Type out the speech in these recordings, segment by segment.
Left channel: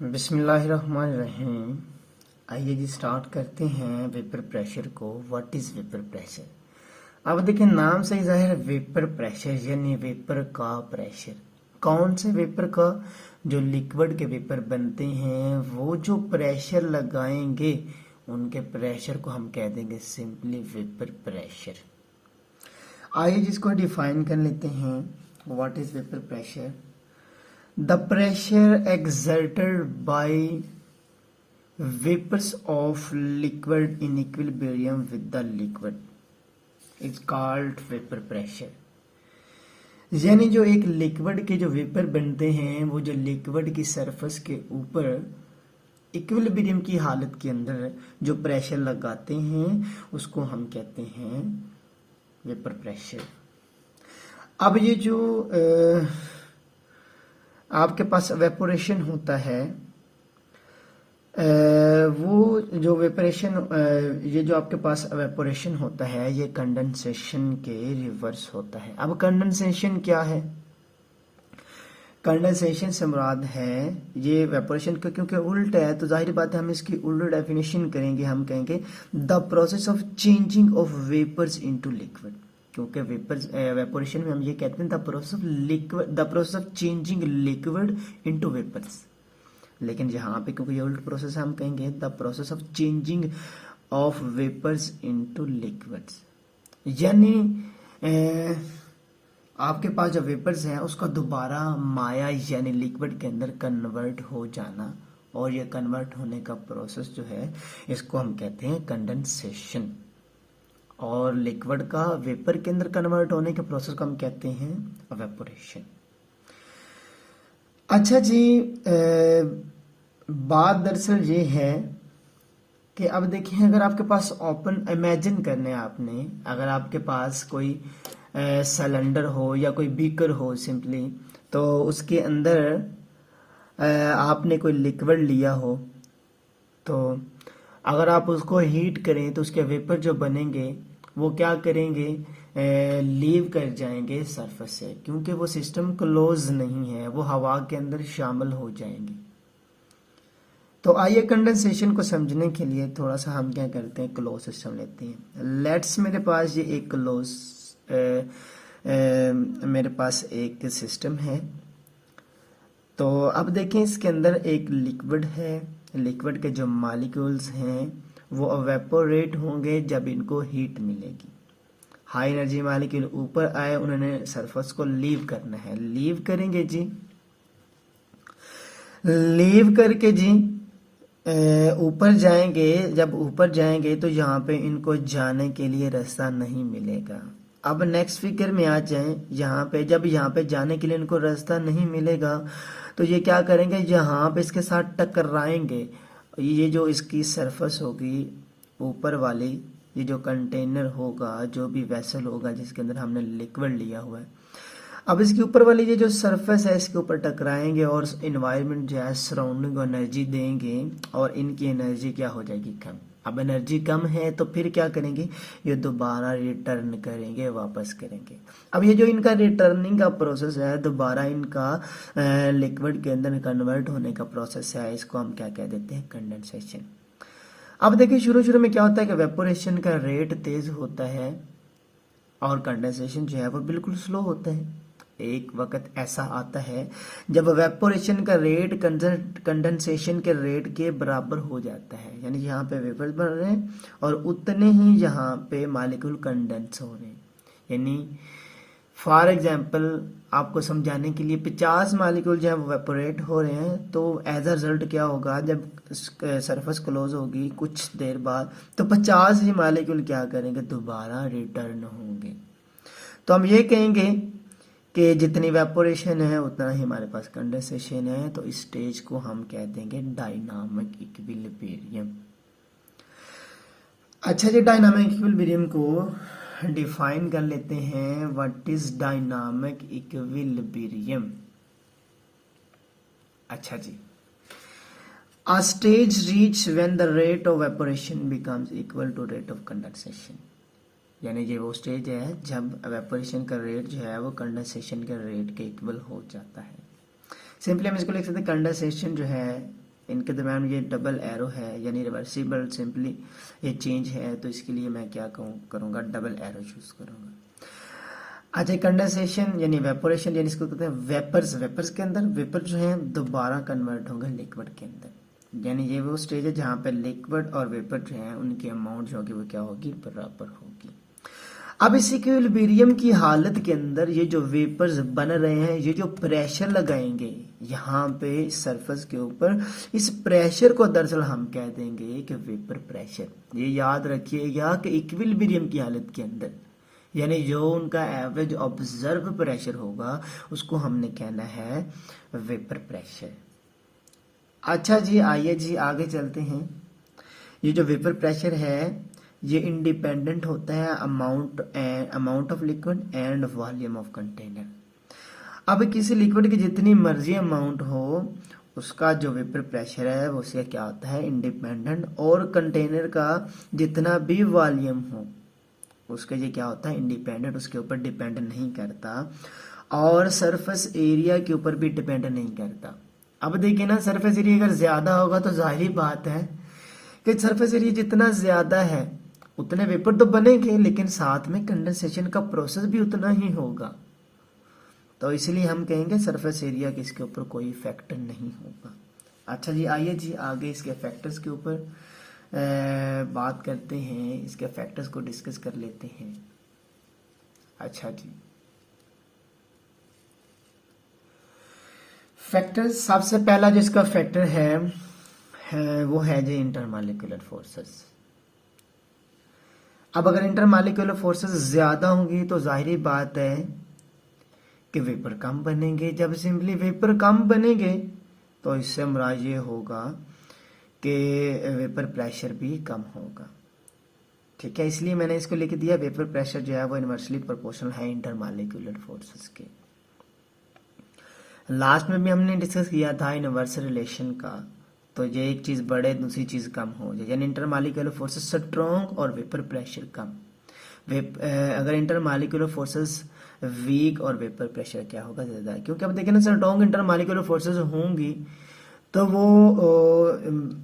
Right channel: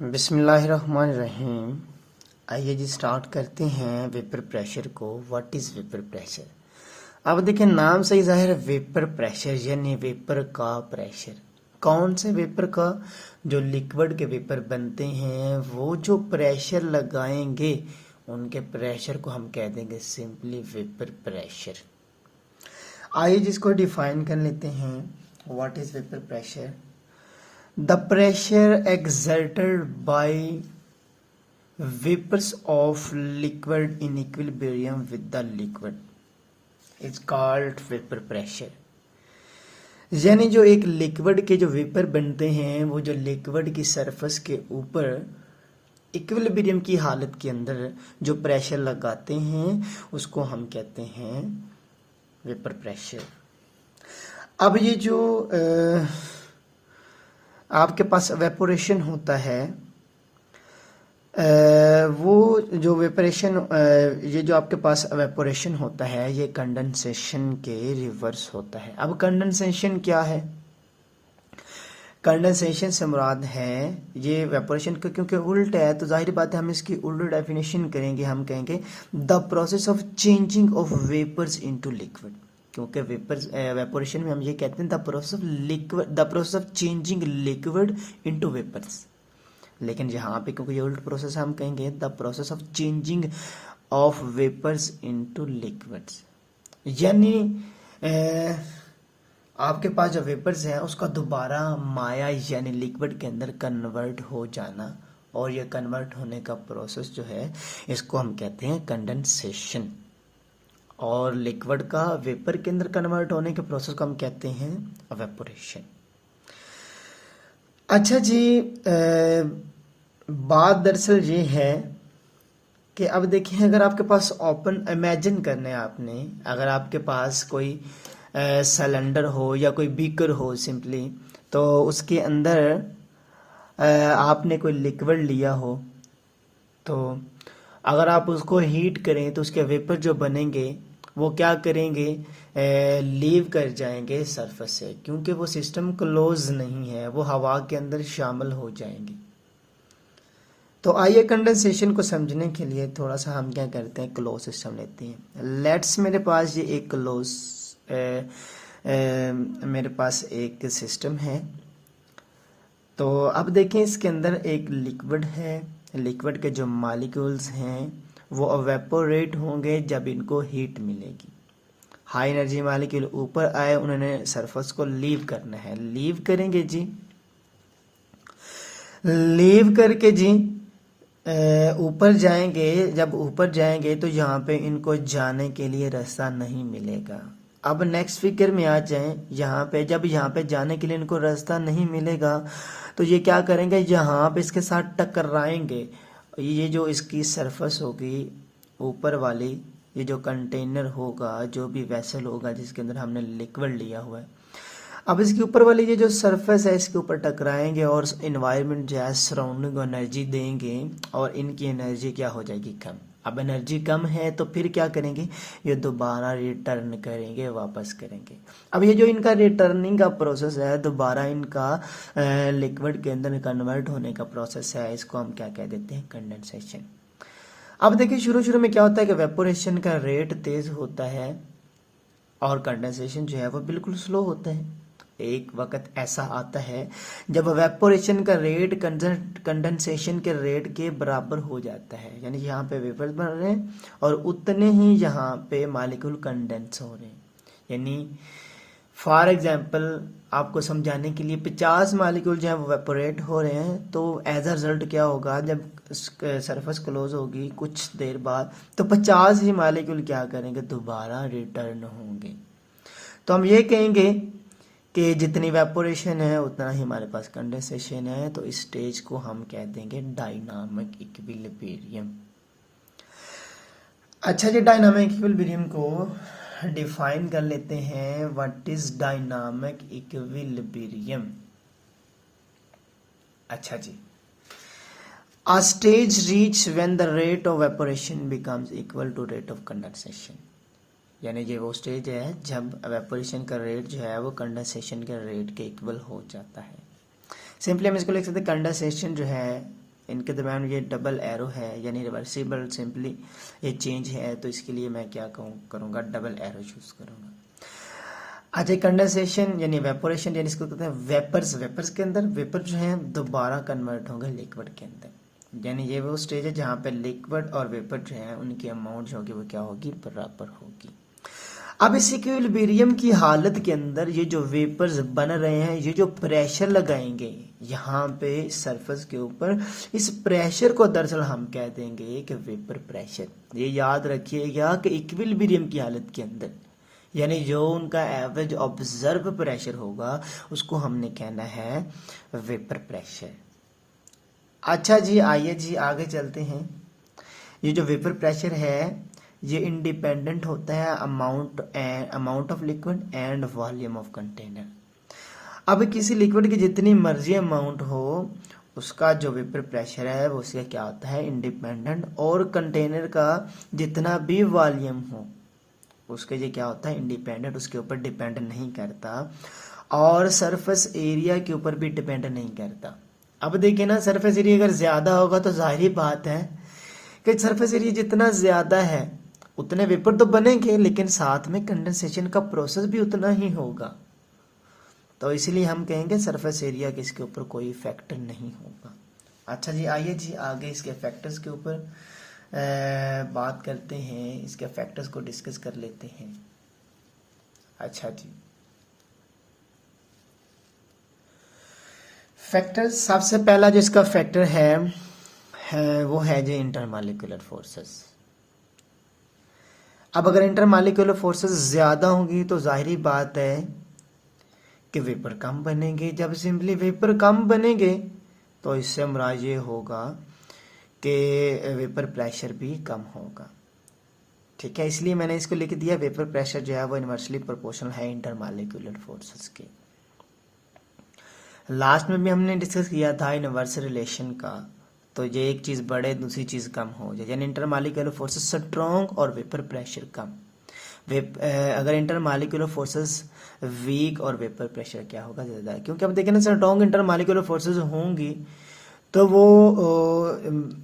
बिस्मिल्लाहिर्रहमानिर्रहीम। आइए जी स्टार्ट करते हैं वेपर प्रेशर को। What is vapour pressure? अब देखिए, नाम से ही जाहिर है वेपर प्रेशर यानी वेपर का प्रेशर। कौन से वेपर का? जो लिक्विड के वेपर बनते हैं वो जो प्रेशर लगाएंगे उनके प्रेशर को हम कह देंगे सिंपली वेपर प्रेशर। आइए जिसको डिफाइन कर लेते हैं। What is vapour pressure? The pressure exerted by vapors of liquid in equilibrium with the liquid is called vapor pressure। यानी जो एक लिक्विड के जो वेपर बनते हैं वो जो लिक्विड की सरफेस के ऊपर इक्विलिब्रियम की हालत के अंदर जो प्रेशर लगाते हैं उसको हम कहते हैं वेपर प्रेशर। अब ये जो आपके पास वेपोरेशन होता है, वो जो वेपोरेशन, ये जो आपके पास वेपोरेशन होता है ये कंडेंसेशन के रिवर्स होता है। अब कंडेंसेशन क्या है? कंडेंसेशन से मुराद है ये वेपोरेशन का, क्योंकि उल्ट है तो जाहिर बात है हम इसकी उल्ट डेफिनेशन करेंगे। हम कहेंगे the process of changing of vapours into liquid, क्योंकि वेपर्स वेपोरेशन में हम ये कहते हैं the process of liquid, the process of changing liquid into vapours. लेकिन यहाँ पे क्योंकि ये उल्ट प्रोसेस है हम कहेंगे the process of changing of vapours into liquids. यानी आपके पास जो वेपर्स हैं उसका दोबारा माया यानी लिक्विड के अंदर कन्वर्ट हो जाना, और ये कन्वर्ट होने का प्रोसेस जो है इसको हम कहते हैं कंडेंसेशन। और लिक्विड का वेपर के अंदर कन्वर्ट होने के प्रोसेस को हम कहते हैं एवेपोरेशन। अच्छा जी, बात दरअसल ये है कि अब देखिए, अगर आपके पास ओपन, इमेजिन करना है आपने, अगर आपके पास कोई सिलेंडर हो या कोई बीकर हो सिंपली, तो उसके अंदर आपने कोई लिक्विड लिया हो, तो अगर आप उसको हीट करें तो उसके वेपर जो बनेंगे वो क्या करेंगे, लीव कर जाएंगे सरफेस से, क्योंकि वो सिस्टम क्लोज नहीं है, वो हवा के अंदर शामिल हो जाएंगे। तो आइए कंडेंसेशन को समझने के लिए थोड़ा सा हम क्या करते हैं, क्लोज सिस्टम लेते हैं। लेट्स, मेरे पास ये एक क्लोज, मेरे पास एक सिस्टम है। तो अब देखें, इसके अंदर एक लिक्विड है। लिक्विड के जो मॉलिक्यूल्स हैं वो एवेपोरेट होंगे जब इनको हीट मिलेगी। हाई एनर्जी मॉलिक्यूल ऊपर आए, उन्होंने सरफेस को लीव करना है, लीव करेंगे जी, लीव करके जी ऊपर जाएंगे। जब ऊपर जाएंगे तो यहाँ पे इनको जाने के लिए रास्ता नहीं मिलेगा। अब नेक्स्ट फिगर में आ जाएं, यहाँ पे जब यहाँ पे जाने के लिए इनको रास्ता नहीं मिलेगा तो ये क्या करेंगे, यहाँ पे इसके साथ टकराएंगे। ये जो इसकी सरफेस होगी ऊपर वाली, ये जो कंटेनर होगा, जो भी वेसल होगा जिसके अंदर हमने लिक्विड लिया हुआ है, अब इसके ऊपर वाली ये जो सरफेस है इसके ऊपर टकराएंगे और इन्वायरमेंट जो है सराउंडिंग एनर्जी देंगे, और इनकी एनर्जी क्या हो जाएगी, कम। अब एनर्जी कम है तो फिर क्या करेंगे, ये दोबारा रिटर्न करेंगे, वापस करेंगे। अब ये जो इनका रिटर्निंग का प्रोसेस है, दोबारा इनका लिक्विड के अंदर कन्वर्ट होने का प्रोसेस है, इसको हम क्या कह देते हैं, कंडेंसेशन। अब देखिए, शुरू में क्या होता है कि वेपोरेशन का रेट तेज होता है और कंडेंसेशन जो है वो बिल्कुल स्लो होता है। एक वक्त ऐसा आता है जब वेपोरेशन का रेट कंडेंसेशन के रेट के बराबर हो जाता है, यानी यहाँ पे वेपर्स बन रहे हैं और उतने ही यहाँ पे मॉलिक्यूल कंडेंस हो रहे हैं। यानी फॉर एग्जांपल आपको समझाने के लिए 50 मॉलिक्यूल जो है वो वेपोरेट हो रहे हैं, तो एज अ रिजल्ट क्या होगा, जब सरफेस क्लोज होगी कुछ देर बाद तो 50 ही मॉलिक्यूल क्या करेंगे, दोबारा रिटर्न होंगे। तो हम ये कहेंगे कि जितनी वेपोरेशन है उतना ही हमारे पास कंडेंसेशन है, तो इस स्टेज को हम कह देंगे डायनामिक इक्विलिब्रियम। अच्छा जी, डायनामिक इक्विलिब्रियम को डिफाइन कर लेते हैं। What is dynamic equilibrium? अच्छा जी, a stage reach when the rate of evaporation becomes equal to rate of condensation। यानी ये वो स्टेज है जब एवेपोरेशन का रेट जो है वो कंडेंसेशन के रेट के इक्वल हो जाता है। सिंपली हम इसको लिख सकते हैं, कंडेंसेशन जो है इनके दरम्यान ये डबल एरो है यानी रिवर्सिबल सिंपली ये चेंज है, तो इसके लिए मैं क्या करूँगा, डबल एरो चूज करूँगा। अच्छा, कंडेंसेशन यानी वेपोरेशन यानी इसको कहते हैं वेपर्स। वेपर्स के अंदर वेपर जो है दोबारा कन्वर्ट होंगे लिक्विड के अंदर, यानी ये वो स्टेज है जहाँ पे लिक्विड और वेपर जो है उनकी अमाउंट जो होगी वो क्या होगी, बराबर होगी। अब इस इक्विलिब्रियम की हालत के अंदर ये जो वेपर्स बन रहे हैं, ये जो प्रेशर लगाएंगे यहाँ पे सरफेस के ऊपर, इस प्रेशर को दरअसल हम कह देंगे कि वेपर प्रेशर। ये याद रखिएगा कि इक्विलिब्रियम की हालत के अंदर यानी जो उनका एवरेज ऑब्जर्व प्रेशर होगा उसको हमने कहना है वेपर प्रेशर। अच्छा जी, आइए जी आगे चलते हैं। ये जो वेपर प्रेशर है ये इंडिपेंडेंट होता है amount of liquid and volume of container. अब किसी लिक्विड की जितनी मर्जी अमाउंट हो उसका जो वेपर प्रेशर है वो उसका क्या होता है, इंडिपेंडेंट, और कंटेनर का जितना भी वॉल्यूम हो उसके ये क्या होता है, इंडिपेंडेंट, उसके ऊपर डिपेंड नहीं करता, और सरफेस एरिया के ऊपर भी डिपेंड नहीं करता। अब देखिए ना, सरफेस एरिया अगर ज्यादा होगा तो जाहिर बात है कि सरफेस एरिया जितना ज्यादा है उतने वेपर तो बनेंगे, लेकिन साथ में कंडेंसेशन का प्रोसेस भी उतना ही होगा। तो इसलिए हम कहेंगे सरफेस एरिया के इसके ऊपर कोई फैक्टर नहीं होगा। अच्छा जी, आइए जी आगे इसके फैक्टर्स के ऊपर बात करते हैं, इसके फैक्टर्स को डिस्कस कर लेते हैं। अच्छा जी, फैक्टर, सबसे पहला जो इसका फैक्टर है वो है जो इंटरमॉलिक्यूलर फोर्सेस। अब अगर इंटरमॉलिक्यूलर फोर्सेस ज्यादा होंगी तो जाहिर बात है कि वेपर कम बनेंगे। जब सिंपली वेपर कम बनेंगे तो इससे मुराद ये होगा कि वेपर प्रेशर भी कम होगा। ठीक है, इसलिए मैंने इसको लिख दिया, वेपर प्रेशर जो है वो इनवर्सली प्रोपोर्शनल है इंटरमॉलिक्यूलर फोर्सेस के। लास्ट में भी हमने डिस्कस किया था इनवर्स रिलेशन का, तो ये एक चीज बढ़े दूसरी चीज कम हो जाए, यानी इंटरमॉलिक्यूलर फोर्सेस स्ट्रॉन्ग और वेपर प्रेशर कम। अगर इंटरमॉलिक्यूलर फोर्सेस वीक और वेपर प्रेशर क्या होगा, ज्यादा, क्योंकि अब देखिए ना, स्ट्रॉन्ग इंटरमॉलिक्यूलर फोर्सेस होंगी तो वो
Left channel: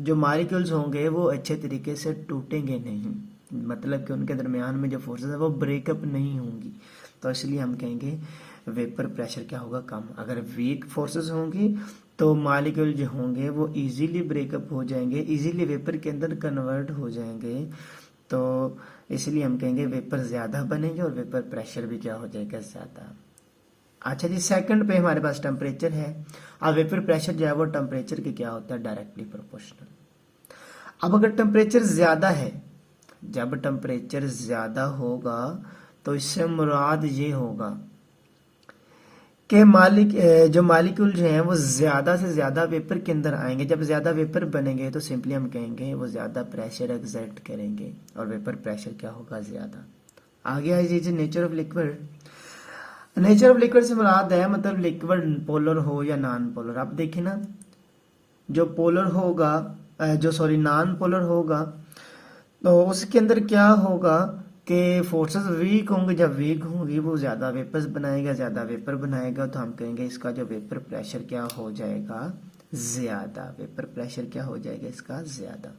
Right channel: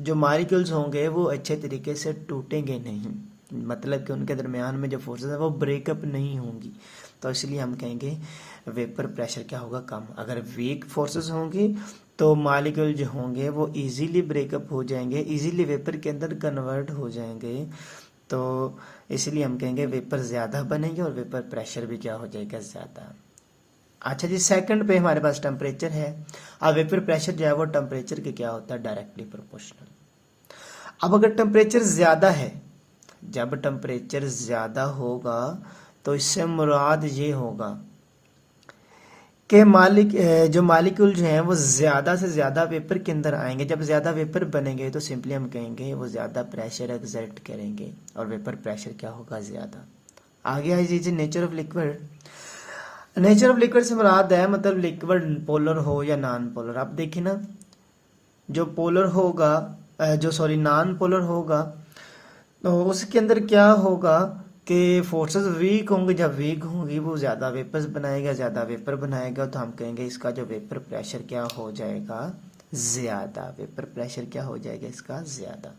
जो मॉलिक्यूल्स होंगे वो अच्छे तरीके से टूटेंगे नहीं, मतलब कि उनके दरमियान में जो फोर्सेस है वो ब्रेकअप नहीं होंगी। तो इसलिए हम कहेंगे वेपर प्रेशर क्या होगा, कम। अगर वीक फोर्सेस होंगी तो मॉलिक्यूल जो होंगे वो इजीली ब्रेकअप हो जाएंगे, इजीली वेपर के अंदर कन्वर्ट हो जाएंगे, तो इसलिए हम कहेंगे वेपर ज्यादा बनेंगे और वेपर प्रेशर भी क्या हो जाएगा, ज्यादा। अच्छा जी, सेकंड पे हमारे पास टेम्परेचर है। अब वेपर प्रेशर जो है वो टेम्परेचर के क्या होता है, डायरेक्टली प्रोपोर्शनल। अब अगर टेम्परेचर ज्यादा है, जब टेम्परेचर ज्यादा होगा तो इससे मुराद ये होगा कि जो मालिक्यूल जो हैं वो ज्यादा से ज्यादा वेपर के अंदर आएंगे। जब ज्यादा वेपर बनेंगे तो सिंपली हम कहेंगे वो ज्यादा प्रेशर एक्सर्ट करेंगे और वेपर प्रेशर क्या होगा, ज्यादा। आगे आ जाइए nature of liquid. Nature of liquid से मुराद है मतलब लिक्विड पोलर हो या नॉन पोलर। आप देखिए ना, जो पोलर होगा नॉन पोलर होगा तो उसके अंदर क्या होगा कि फोर्सेस वीक होंगे। जब वीक होंगी वो ज्यादा वेपर्स बनाएगा, ज्यादा वेपर बनाएगा, तो हम कहेंगे इसका जो वेपर प्रेशर क्या हो जाएगा, ज्यादा। वेपर प्रेशर क्या हो जाएगा इसका, ज्यादा।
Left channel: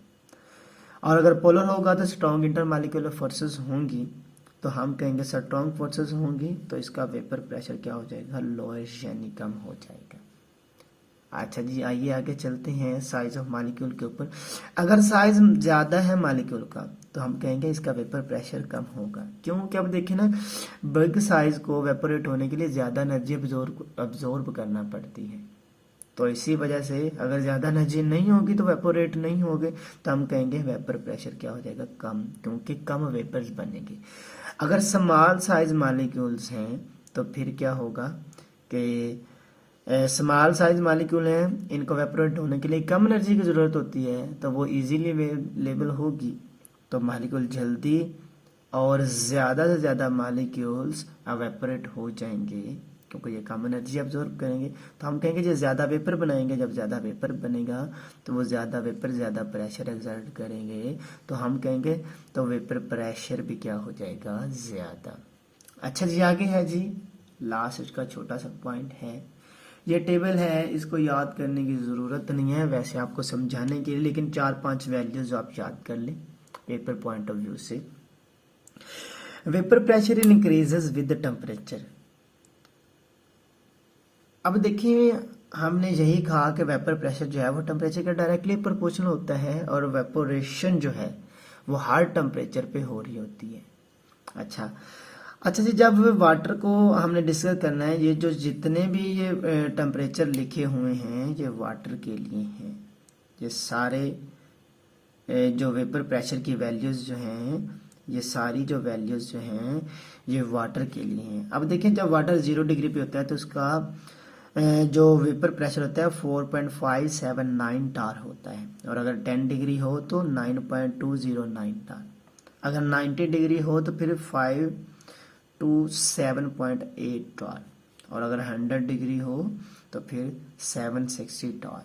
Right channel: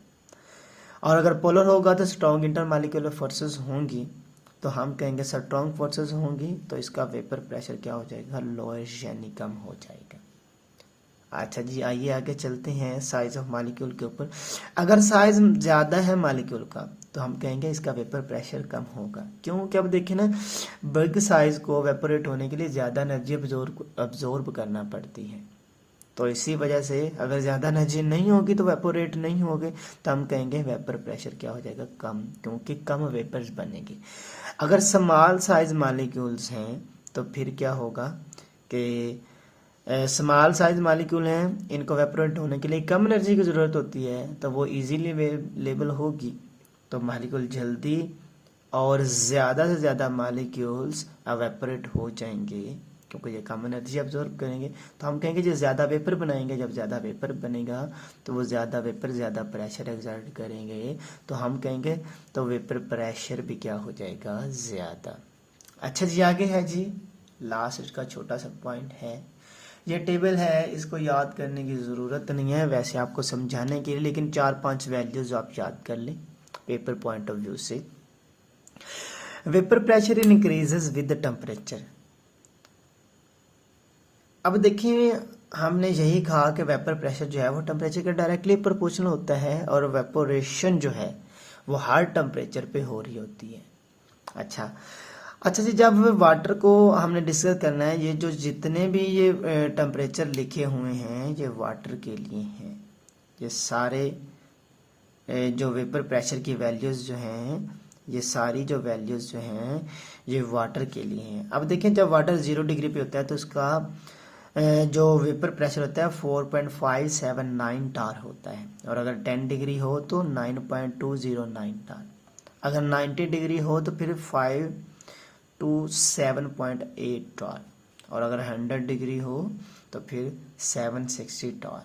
और अगर पोलर होगा तो स्ट्रॉन्ग इंटरमॉलिक्यूलर फोर्सेस होंगी, तो हम कहेंगे स्ट्रॉन्ग फोर्सेस होंगी तो इसका वेपर प्रेशर क्या हो जाएगा, लोएस्ट यानी कम हो जाएगा। अच्छा जी, आइए आगे चलते हैं साइज ऑफ मॉलिक्यूल के ऊपर। अगर साइज ज्यादा है मॉलिक्यूल का तो हम कहेंगे इसका वेपर प्रेशर कम होगा। क्यों? कि अब देखिए ना, बल्क साइज को वेपोरेट होने के लिए ज्यादा एनर्जी अब्जॉर्ब करना पड़ती है, तो इसी वजह से अगर ज्यादा एनर्जी नहीं होगी तो वेपोरेट नहीं होगे, तो हम कहेंगे वेपर प्रेशर क्या हो जाएगा, कम, क्योंकि कम वेपर्स बनेंगे। अगर स्मॉल साइज मॉलिक्यूल्स हैं तो फिर क्या होगा कि स्मॉल साइज मॉलिक्यूल हैं, इनको वेपोरेट होने के लिए कम एनर्जी की जरूरत होती है, तो वो इजीली अवेलेबल होगी, तो मॉलिक्यूल जल्दी और ज्यादा से ज्यादा मॉलिक्यूल्स वेपोरेट हो जाएंगे क्योंकि ये कम एनर्जी अब्जॉर्ब करेंगे। तो हम कहेंगे जो ज्यादा वेपर बनाएंगे, जब ज्यादा वेपर बनेगा तो वो ज्यादा वेपर ज्यादा प्रेशर एक्सर्ट करेंगे, तो हम कहेंगे तो वेपर प्रेशर भी क्या हो जाएगा, ज्यादा। अच्छा जी, आगे है जी लास्ट इसका छोटा सा पॉइंट है ये टेबल है, इसको याद करने की ज़रूरत नहीं है वैसे आपको समझाने के लिए, लेकिन 4-5 वैल्यूज आप याद कर लें पेपर पॉइंट ऑफ व्यू से। Vapour pressure increases with temperature. अब देखिए हमने यही कहा कि वेपर प्रेशर जो है वो टेम्परेचर के डायरेक्टली प्रोपोर्शनल होता है और वेपोरेशन जो है वो हर टेम्परेचर पे हो रही होती है। अच्छा जी, जब वाटर को हमने डिस्कस करना है, ये जो जितने भी ये टेम्परेचर लिखे हुए हैं ये वाटर के लिए हैं। ये सारे जो वेपर प्रेशर की वैल्यूज़ जो हैं, ये सारी जो वैल्यूज़ जो हैं ये वाटर के लिए हैं। अब देखिए जब वाटर 0 डिग्री पे होता है तो उसका जो वेपर प्रेशर होता है 4.579 टार होता है, और अगर 10 डिग्री हो तो 9.209 टार, अगर 90 डिग्री हो तो फिर 5 to 7.8 टार, और अगर 100 डिग्री हो तो फिर 760 टार।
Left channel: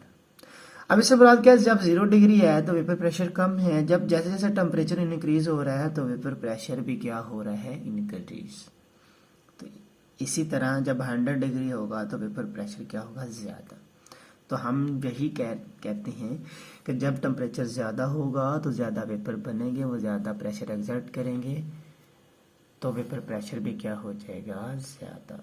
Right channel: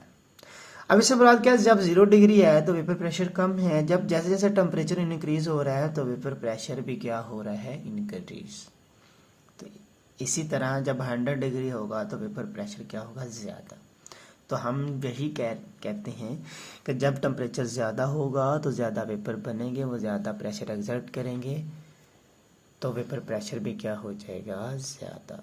अब इससे मुराद क्या है, जब 0 डिग्री है तो वेपर प्रेशर कम है, जब जैसे जैसे टेम्परेचर इंक्रीज हो रहा है तो वेपर प्रेशर भी क्या हो रहा है, इंक्रीज। तो इसी तरह जब 100 डिग्री होगा तो वेपर प्रेशर क्या होगा, ज़्यादा। तो हम यही कहते हैं कि जब टेम्परेचर ज़्यादा होगा तो ज़्यादा वेपर बनेंगे, वो ज़्यादा प्रेशर एक्सर्ट करेंगे तो वेपर प्रेशर भी क्या हो जाएगा, ज़्यादा।